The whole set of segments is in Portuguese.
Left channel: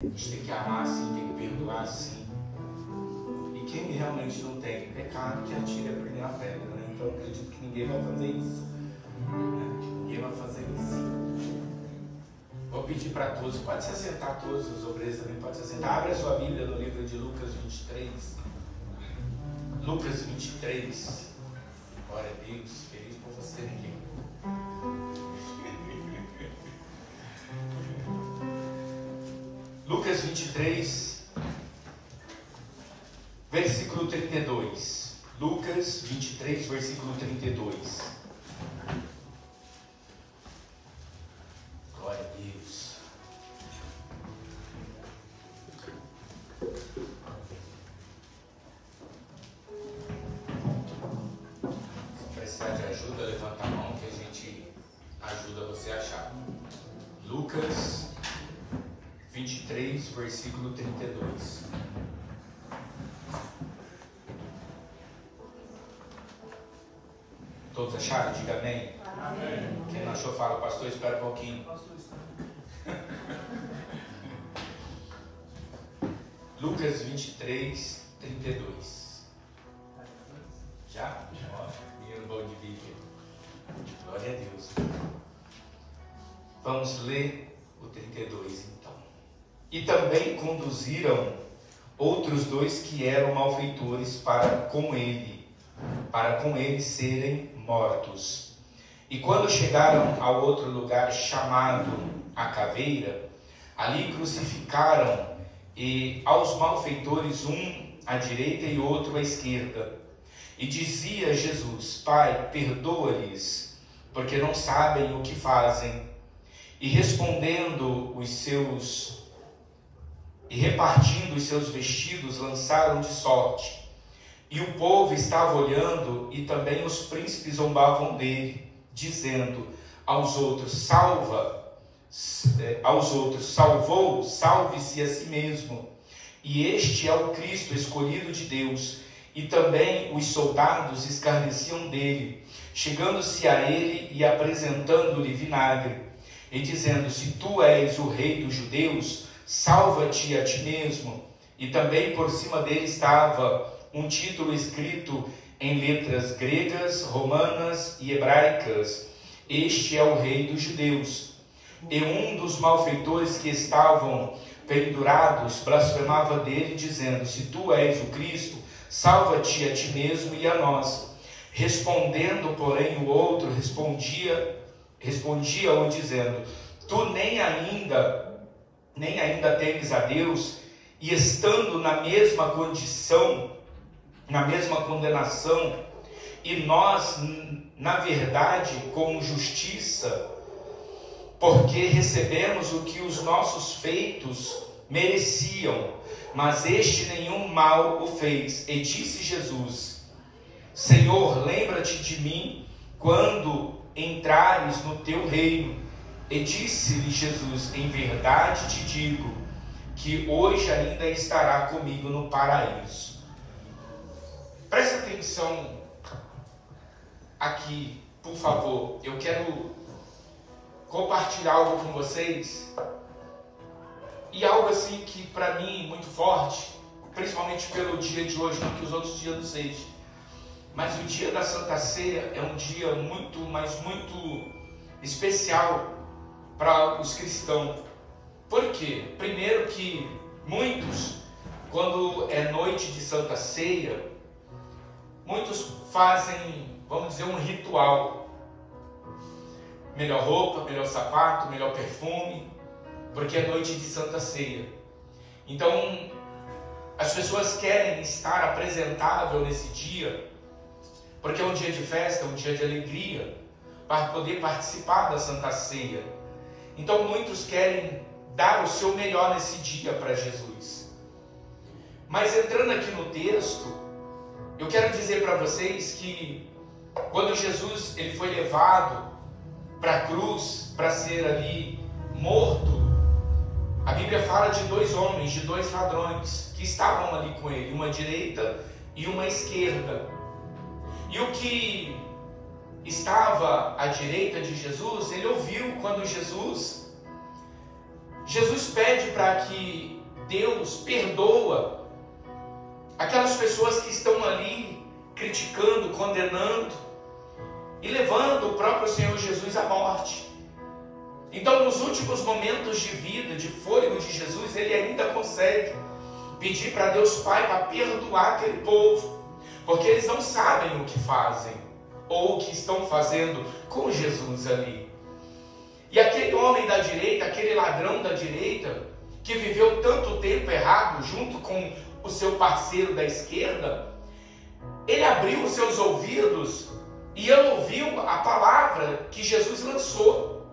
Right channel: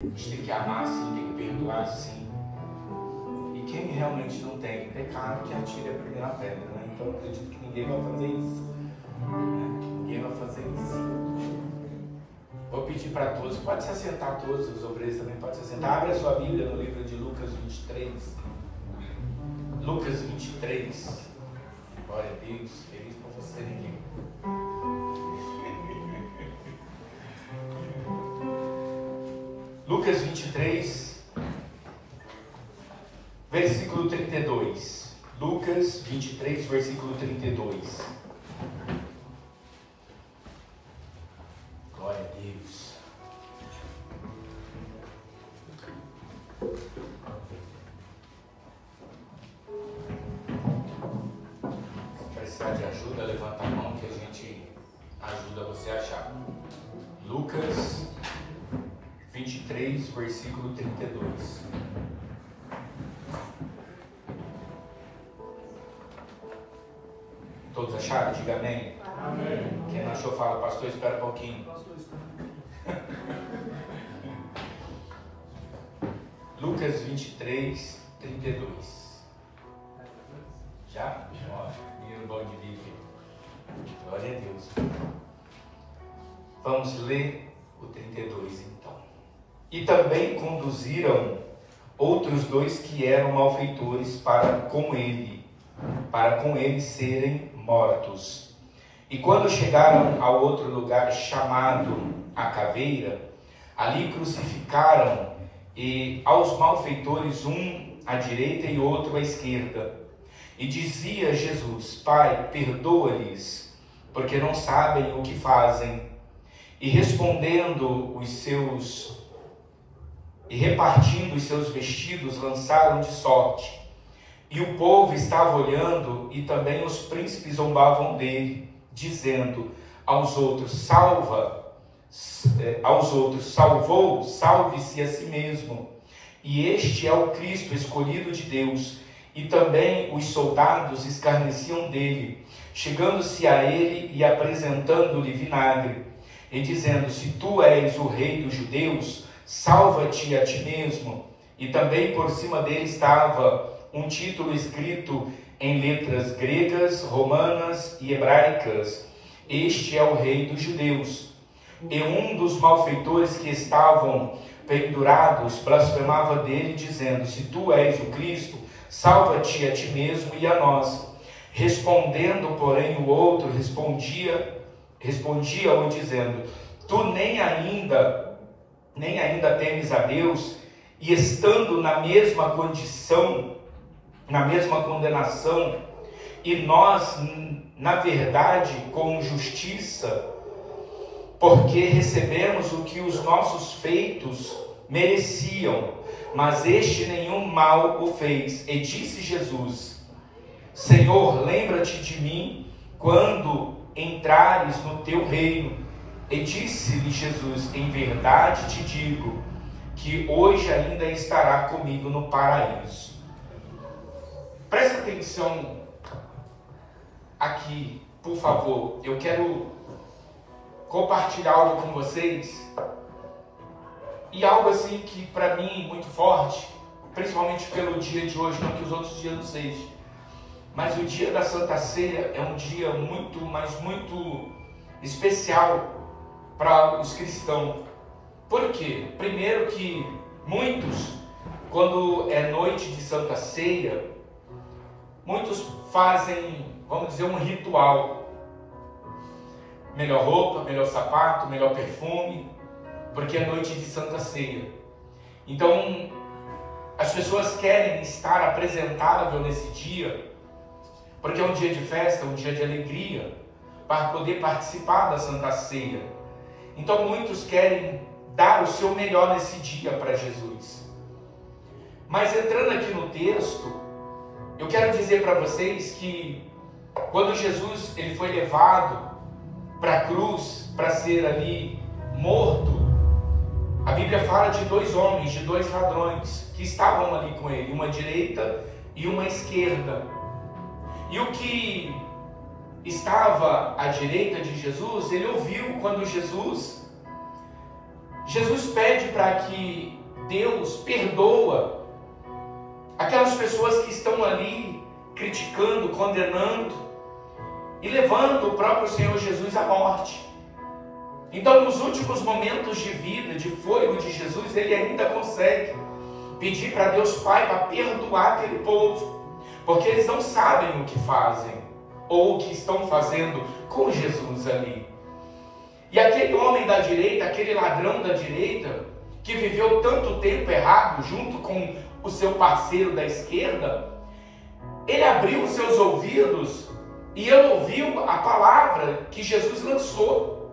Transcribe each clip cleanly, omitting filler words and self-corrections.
A gente tem que amar assim, tem que perdoar assim. E quem realmente não tem pecado, que atire a primeira pedra, né? Então eu acredito que ninguém vai fazer isso, né? Ninguém vai fazer isso. Vou pedir para todos, pode se assentar, todos os obreiros também podem se assentar. Abre a sua Bíblia no livro de Lucas 23. Lucas 23. Glória a Deus, feliz por você, ninguém. Lucas 23, versículo 32. Lucas 23, versículo 32. Glória a Deus. Se precisar de ajuda, levanta a mão que a gente ajuda você a achar. Lucas 23, versículo 32. Todos acharam? Diga amém. Amém. Quem não achou, fala, pastor, espera um pouquinho. Lucas 23, 32. Já? Primeiro bom de Bíblia. Glória a Deus. Vamos ler o 32 então. E também conduziram outros dois que eram malfeitores para com ele serem mortos. E quando chegaram a outro lugar chamado a Caveira, ali crucificaram e aos malfeitores um à direita e outro à esquerda. E dizia Jesus: Pai, perdoa-lhes, porque não sabem o que fazem. E respondendo repartindo os seus vestidos, lançaram de sorte. E o povo estava olhando, e também os príncipes zombavam dele, dizendo aos outros: salvou, salve-se a si mesmo. E este é o Cristo escolhido de Deus. E também os soldados escarneciam dele, chegando-se a ele e apresentando-lhe vinagre, e dizendo: se tu és o rei dos judeus, salva-te a ti mesmo. E também por cima dele estava um título escrito em letras gregas, romanas e hebraicas: este é o rei dos judeus. E um dos malfeitores que estavam pendurados blasfemava dele, dizendo: se tu és o Cristo, salva-te a ti mesmo e a nós. Respondendo, porém, o outro respondia-o dizendo: tu nem ainda temes a Deus, e estando na mesma condição, na mesma condenação, e nós, na verdade, com justiça, porque recebemos o que os nossos feitos mereciam, mas este nenhum mal o fez. E disse Jesus: Senhor, lembra-te de mim quando entrares no teu reino. E disse-lhe Jesus: em verdade te digo, que hoje ainda estará comigo no paraíso. Presta atenção aqui, por favor. Eu quero compartilhar algo com vocês, e algo assim que para mim é muito forte, principalmente pelo dia de hoje, não que os outros dias não sejam, mas o dia da Santa Ceia é um dia muito, mas muito especial para os cristãos. Por quê? Primeiro que muitos, quando é noite de Santa Ceia, muitos fazem, vamos dizer, um ritual. Melhor roupa, melhor sapato, melhor perfume, porque é noite de Santa Ceia. Então, as pessoas querem estar apresentável nesse dia, porque é um dia de festa, um dia de alegria, para poder participar da Santa Ceia. Então, muitos querem dar o seu melhor nesse dia para Jesus. Mas entrando aqui no texto, eu quero dizer para vocês que quando Jesus ele foi levado para a cruz, para ser ali morto, a Bíblia fala de dois homens, de dois ladrões que estavam ali com ele, uma à direita e uma à esquerda. E o que estava à direita de Jesus, ele ouviu quando Jesus Jesus pede para que Deus perdoa aquelas pessoas que estão ali criticando, condenando e levando o próprio Senhor Jesus à morte. Então, nos últimos momentos de vida, de fôlego de Jesus, ele ainda consegue pedir para Deus Pai para perdoar aquele povo, porque eles não sabem o que fazem ou o que estão fazendo com Jesus ali. E aquele homem da direita, aquele ladrão da direita, que viveu tanto tempo errado junto com o seu parceiro da esquerda, ele abriu os seus ouvidos e ele ouviu a palavra que Jesus lançou.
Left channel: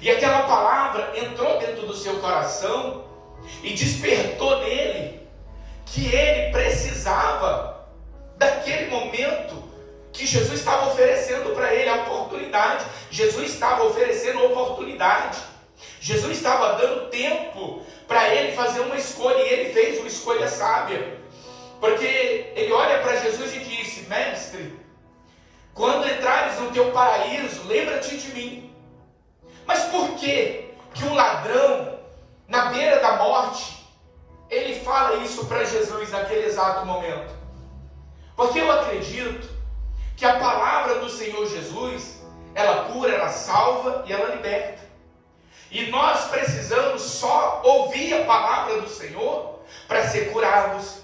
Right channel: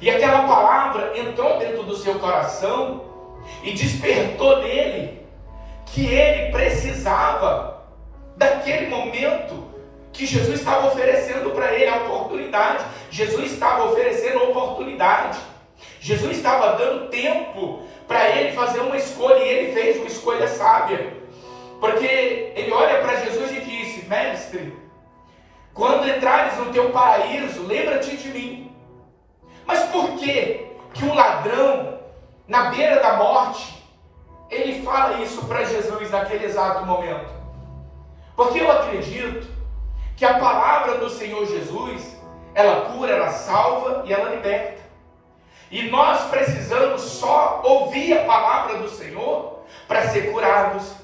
E aquela palavra entrou dentro do seu coração e despertou nele que ele precisava daquele momento que Jesus estava oferecendo para ele, a oportunidade. Jesus estava oferecendo a oportunidade. Jesus estava dando tempo para ele fazer uma escolha, e ele fez uma escolha sábia. Porque ele olha para Jesus e disse: mestre, quando entrares no teu paraíso, lembra-te de mim. Mas por que um ladrão, na beira da morte, ele fala isso para Jesus naquele exato momento? Porque eu acredito que a palavra do Senhor Jesus, ela cura, ela salva e ela liberta. E nós precisamos só ouvir a palavra do Senhor para ser curados,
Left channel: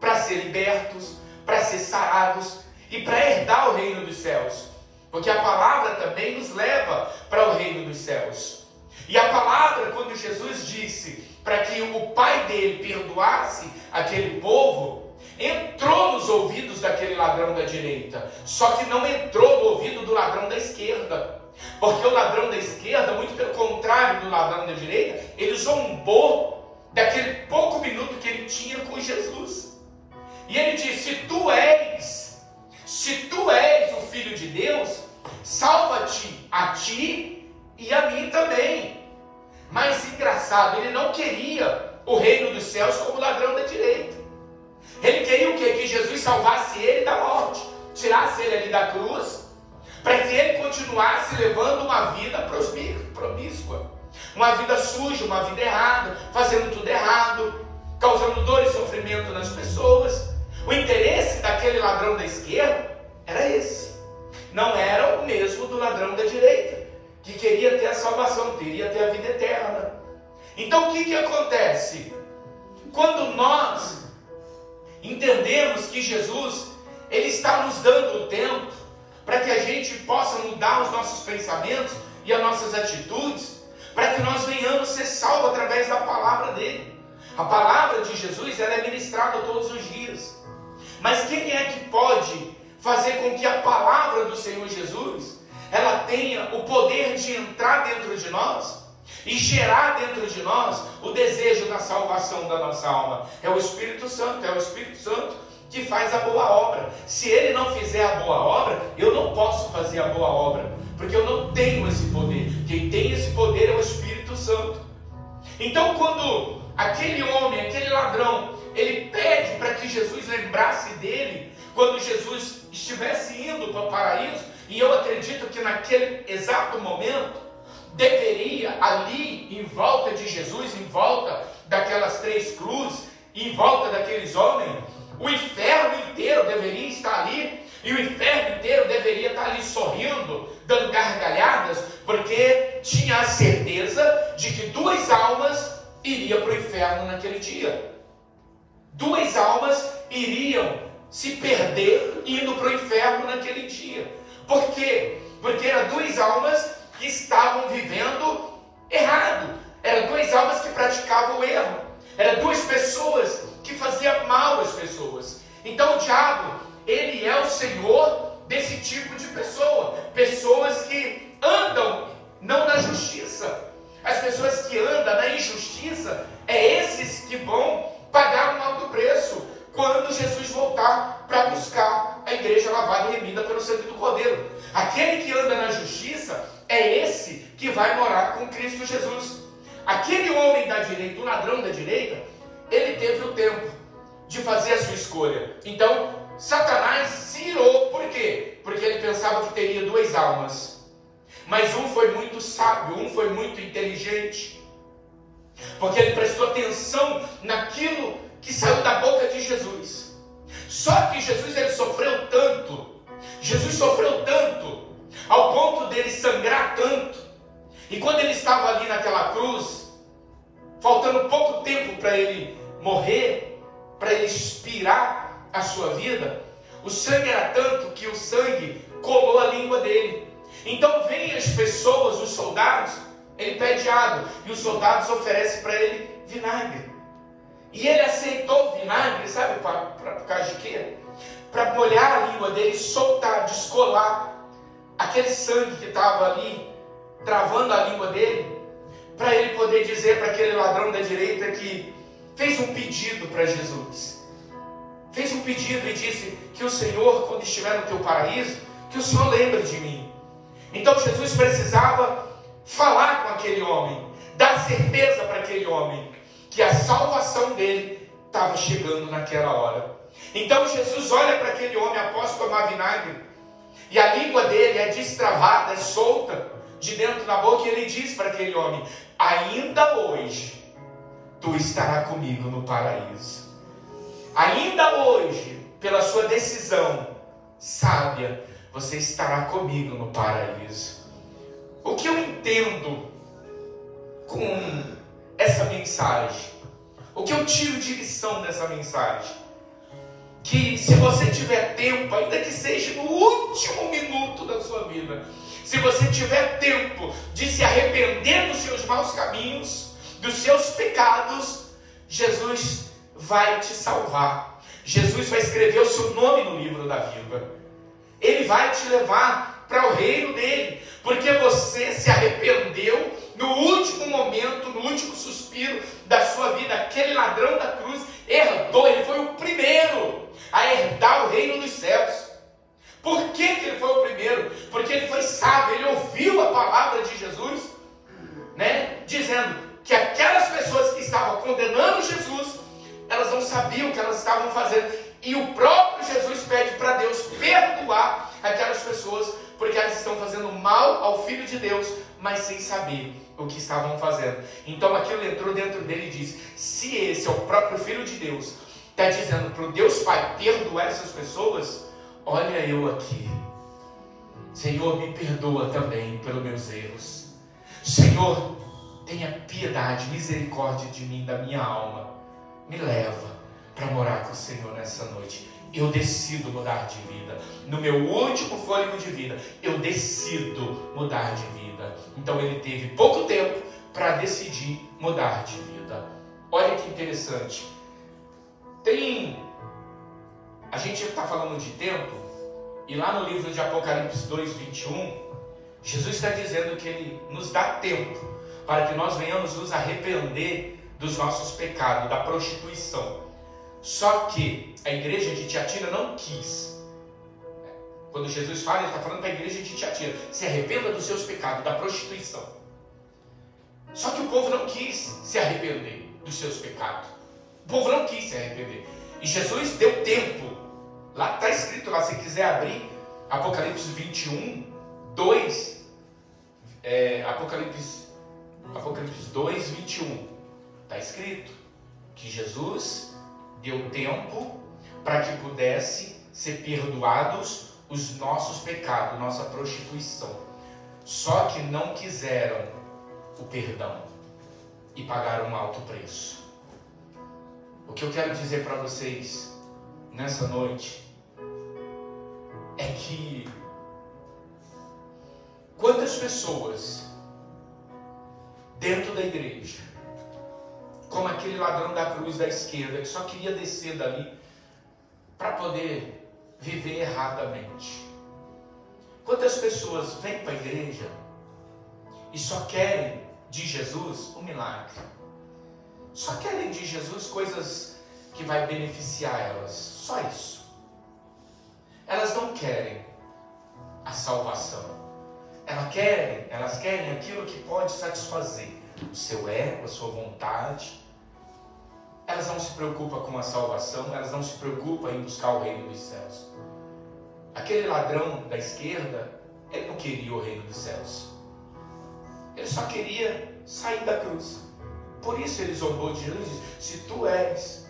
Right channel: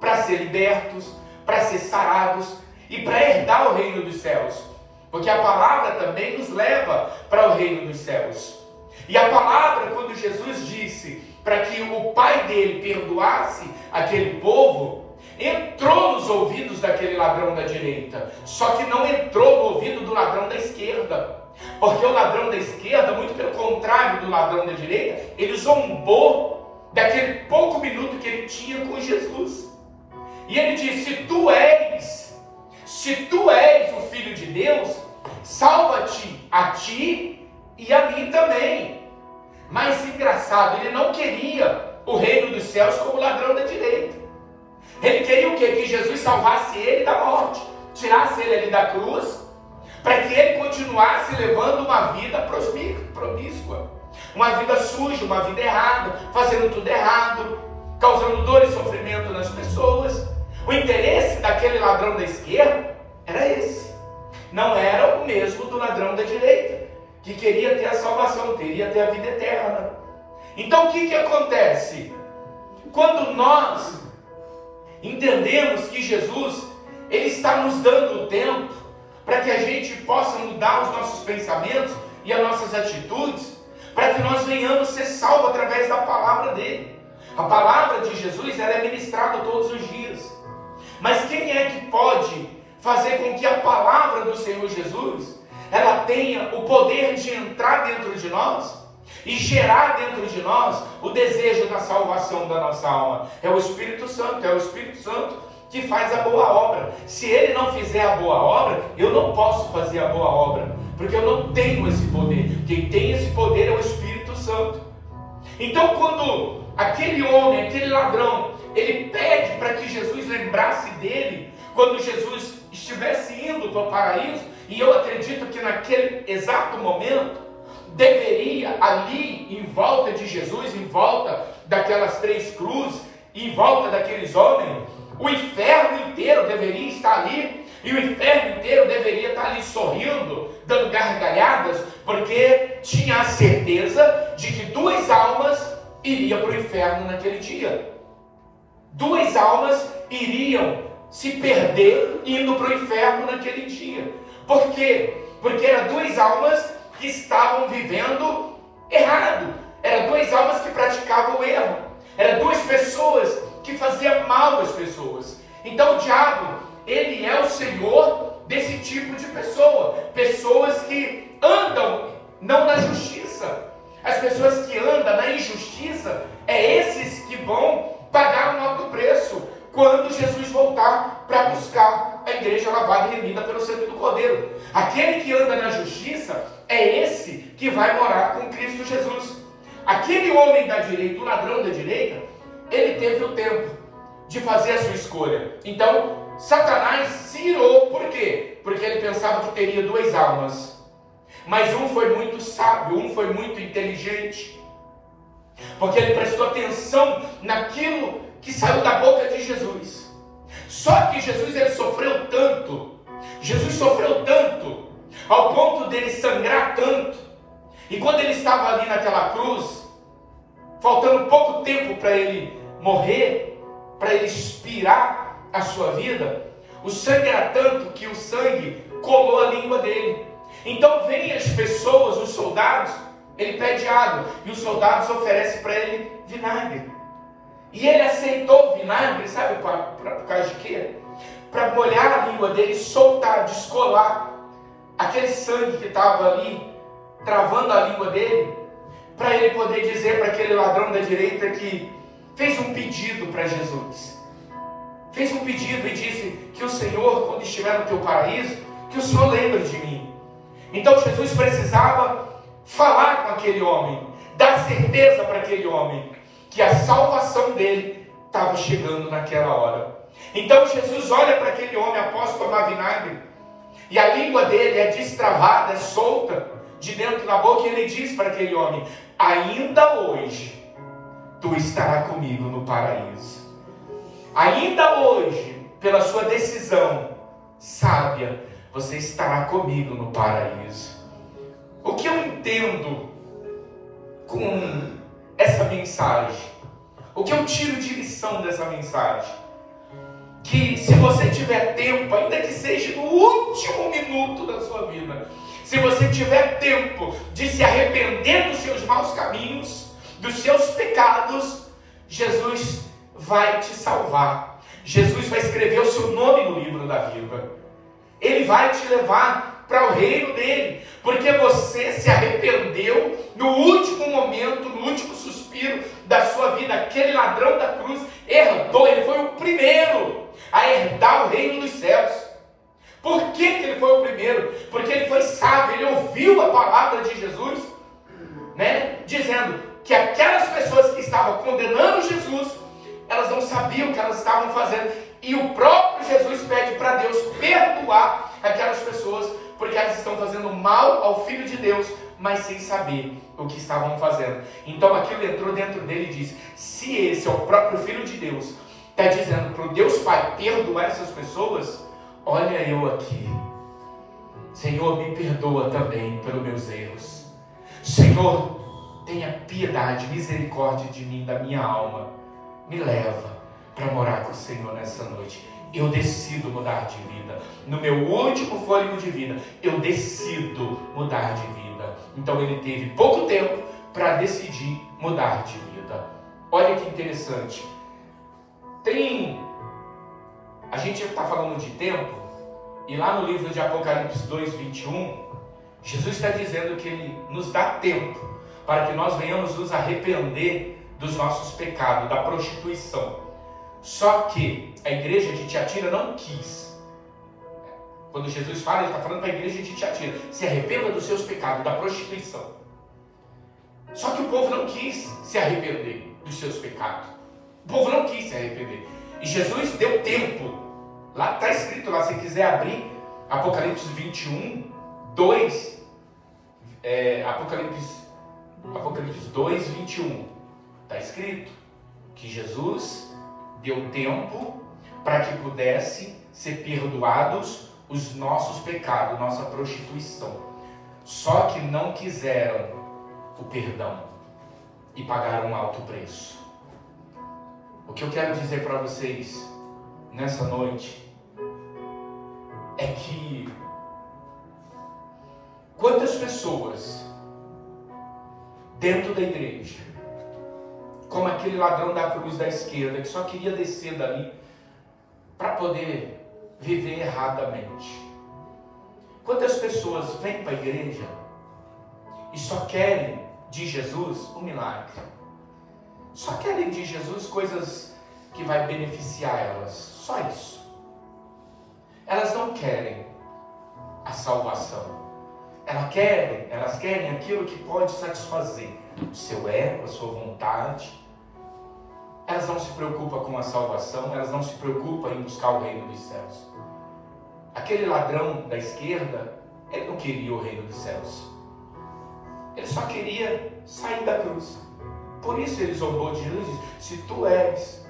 para ser libertos, para ser sarados e para herdar o reino dos céus. Porque a palavra também nos leva para o reino dos céus. E a palavra, quando Jesus disse para que o pai dele perdoasse aquele povo, entrou nos ouvidos daquele ladrão da direita, só que não entrou no ouvido do ladrão da esquerda, porque o ladrão da esquerda, muito pelo contrário do ladrão da direita, ele zombou daquele pouco minuto que ele tinha com Jesus, e ele disse: se tu és o Filho de Deus, salva-te a ti e a mim também. Mas engraçado, ele não queria o reino dos céus como o ladrão da direita. Ele queria o quê? Que Jesus salvasse ele da morte, tirasse ele ali da cruz, para que ele continuasse levando uma vida promíscua, uma vida suja, uma vida errada, fazendo tudo errado, causando dor e sofrimento nas pessoas. O interesse daquele ladrão da esquerda era esse, não era o mesmo do ladrão da direita, que queria ter a salvação, queria ter a vida eterna. Então o que acontece? Quando nós entendemos que Jesus, ele está nos dando tempo para que a gente possa mudar os nossos pensamentos e as nossas atitudes, para que nós venhamos ser salvos através da palavra dele. A palavra de Jesus, ela é ministrada todos os dias. Mas quem é que pode fazer com que a palavra do Senhor Jesus, ela tenha o poder de entrar dentro de nós e gerar dentro de nós o desejo da salvação da nossa alma? É o Espírito Santo, é o Espírito Santo que faz a boa obra. Se ele não fizer a boa obra, eu não posso fazer a boa obra, porque eu não tenho esse poder. Quem tem esse poder é o Espírito Santo. Então, quando aquele homem, aquele ladrão, ele pede para que Jesus lembrasse dele quando Jesus estivesse indo para o paraíso, e eu acredito que naquele exato momento deveria ali em volta de Jesus, em volta daquelas 3 cruzes, em volta daqueles homens, o inferno inteiro deveria estar ali, e o inferno inteiro deveria estar ali sorrindo, dando gargalhadas, porque tinha a certeza de que 2 almas iriam para o inferno naquele dia. 2 almas iriam se perder indo para o inferno naquele dia. Por quê? Porque eram 2 almas que estavam vivendo errado. Eram 2 almas que praticavam o erro. Eram 2 pessoas que faziam mal às pessoas. Então o diabo, ele é o senhor desse tipo de pessoa. Pessoas que andam não na justiça. As pessoas que andam na injustiça, é esses que vão pagar um alto preço quando Jesus voltar para buscar a igreja lavada e remida pelo sangue do Cordeiro. Aquele que anda na justiça é esse que vai morar com Cristo Jesus. Aquele homem da direita, o ladrão da direita, ele teve o tempo de fazer a sua escolha. Então, Satanás se irou. Por quê? Porque ele pensava que teria 2 almas. Mas um foi muito sábio, um foi muito inteligente. porque ele prestou atenção naquilo que saiu da boca de Jesus. Só que Jesus, ele sofreu tanto, ao ponto dele sangrar tanto, e quando ele estava ali naquela cruz, faltando pouco tempo para ele morrer, para ele expirar a sua vida, o sangue era tanto que o sangue colou a língua dele. Então vêm as pessoas, os soldados, ele pede água, e os soldados oferecem para ele vinagre. E ele aceitou o vinagre, sabe por causa de quê? Para molhar a língua dele, soltar, descolar aquele sangue que estava ali, travando a língua dele, para ele poder dizer para aquele ladrão da direita que fez um pedido para Jesus. Fez um pedido e disse que o Senhor, quando estiver no teu paraíso, que o Senhor lembre de mim. Então Jesus precisava falar com aquele homem, dar certeza para aquele homem que a salvação dele estava chegando naquela hora. Então Jesus olha para aquele homem após tomar vinagre, e a língua dele é destravada, é solta de dentro da boca, e ele diz para aquele homem: ainda hoje tu estarás comigo no paraíso. Ainda hoje, pela sua decisão sábia, você estará comigo no paraíso. O que eu entendo com essa mensagem? O que eu tiro de lição dessa mensagem? Que se você tiver tempo, ainda que seja no último minuto da sua vida, se você tiver tempo de se arrepender dos seus maus caminhos, dos seus pecados, Jesus vai te salvar. Jesus vai escrever o seu nome no livro da vida. Ele vai te levar para o reino dele, porque você se arrependeu no último momento, no último suspiro da sua vida. Aquele ladrão da cruz herdou, ele foi o primeiro a herdar o reino dos céus. Por que ele foi o primeiro? Porque ele foi sábio, ele ouviu a palavra de Jesus, né? Dizendo que aquelas pessoas que estavam condenando Jesus, elas não sabiam o que elas estavam fazendo, e o próprio Jesus pede para Deus perdoar aquelas pessoas, porque elas estão fazendo mal ao Filho de Deus, mas sem saber o que estavam fazendo. Então aquilo entrou dentro dele e disse: se esse é o próprio Filho de Deus, está dizendo para o Deus Pai perdoar essas pessoas, olha eu aqui. Senhor, me perdoa também pelos meus erros. Senhor, tenha piedade, misericórdia de mim, da minha alma. Me leva para morar com o Senhor nessa noite. Eu decido mudar de vida. No meu último fôlego de vida, eu decido mudar de vida. Então ele teve pouco tempo para decidir mudar de vida. Olha que interessante. A gente está falando de tempo, e lá no livro de Apocalipse 2:21, Jesus está dizendo que ele nos dá tempo para que nós venhamos nos arrepender dos nossos pecados, da prostituição. Só que a igreja de Tiatira não quis. Quando Jesus fala, ele está falando para a igreja de Tiatira: se arrependa dos seus pecados, da prostituição. Só que o povo não quis se arrepender dos seus pecados. O povo não quis se arrepender. E Jesus deu tempo. Lá está escrito, lá, se quiser abrir, Apocalipse 21, 2. Apocalipse 2, 21. Está escrito que Jesus deu tempo para que pudesse ser perdoados os nossos pecados, nossa prostituição. Só que não quiseram o perdão e pagaram um alto preço. O que eu quero dizer para vocês nessa noite é que quantas pessoas dentro da igreja, como aquele ladrão da cruz da esquerda, que só queria descer dali para poder viver erradamente. Quantas pessoas vêm para a igreja e só querem de Jesus um milagre. Só querem de Jesus coisas que vai beneficiar elas. Só isso. Elas não querem a salvação. Elas querem aquilo que pode satisfazer o seu ego, a sua vontade. Elas não se preocupam com a salvação, elas não se preocupam em buscar o reino dos céus. Aquele ladrão da esquerda, ele não queria o reino dos céus. Ele só queria sair da cruz. Por isso ele zombou de Jesus e disse: se tu és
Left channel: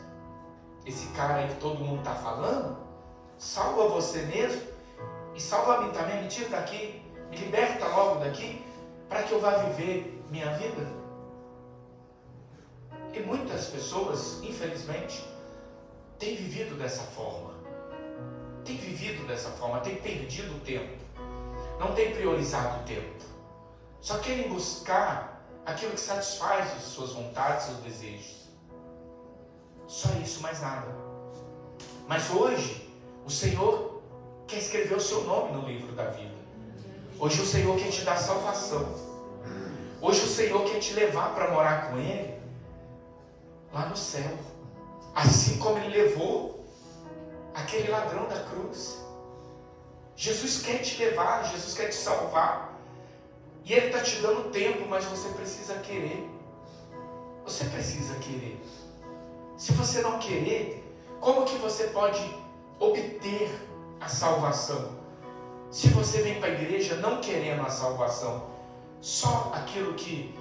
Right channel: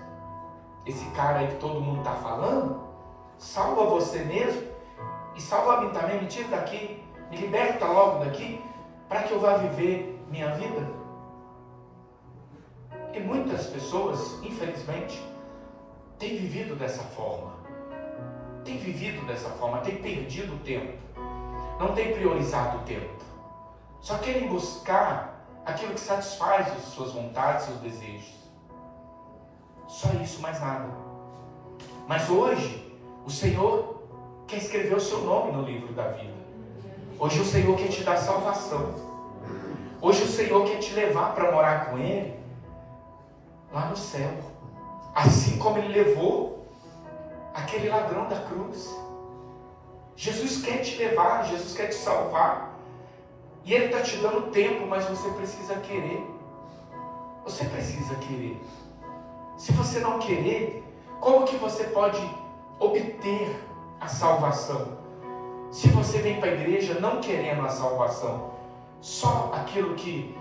esse cara aí que todo mundo está falando, salva você mesmo e salva a mim também, me tira daqui, me liberta logo daqui, para que eu vá viver minha vida. E muitas pessoas, infelizmente, têm vivido dessa forma. Têm vivido dessa forma, têm perdido o tempo. Não têm priorizado o tempo. Só querem buscar aquilo que satisfaz as suas vontades, seus desejos. Só isso, mais nada. Mas hoje, o Senhor quer escrever o seu nome no livro da vida. Hoje o Senhor quer te dar salvação. Hoje o Senhor quer te levar para morar com Ele lá no céu. Assim como Ele levou aquele ladrão da cruz. Jesus quer te levar, Jesus quer te salvar. E Ele está te dando tempo, mas você precisa querer. Você precisa querer. Se você não querer, como que você pode obter a salvação? Se você vem para a igreja não querendo a salvação, só aquilo que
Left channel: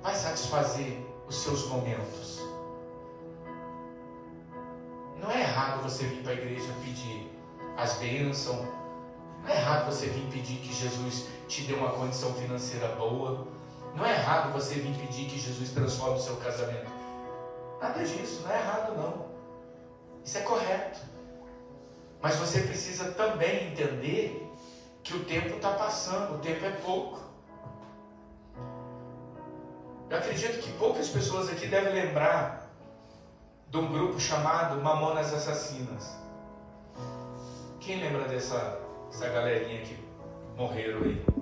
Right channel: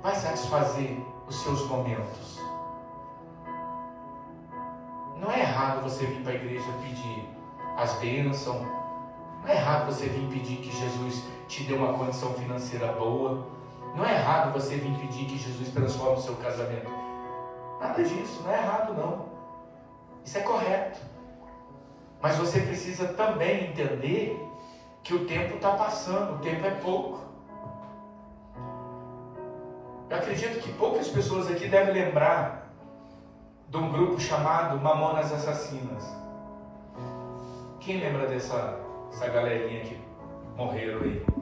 vai satisfazer os seus momentos. Não é errado você vir para a igreja pedir as bênçãos. Não é errado você vir pedir que Jesus te dê uma condição financeira boa. Não é errado você vir pedir que Jesus transforme o seu casamento. Nada disso, não é errado não. Isso é correto. Mas você precisa também entender que o tempo está passando, o tempo é pouco. Eu acredito que poucas pessoas aqui devem lembrar de um grupo chamado Mamonas Assassinas. Quem lembra dessa galerinha que morreram aí?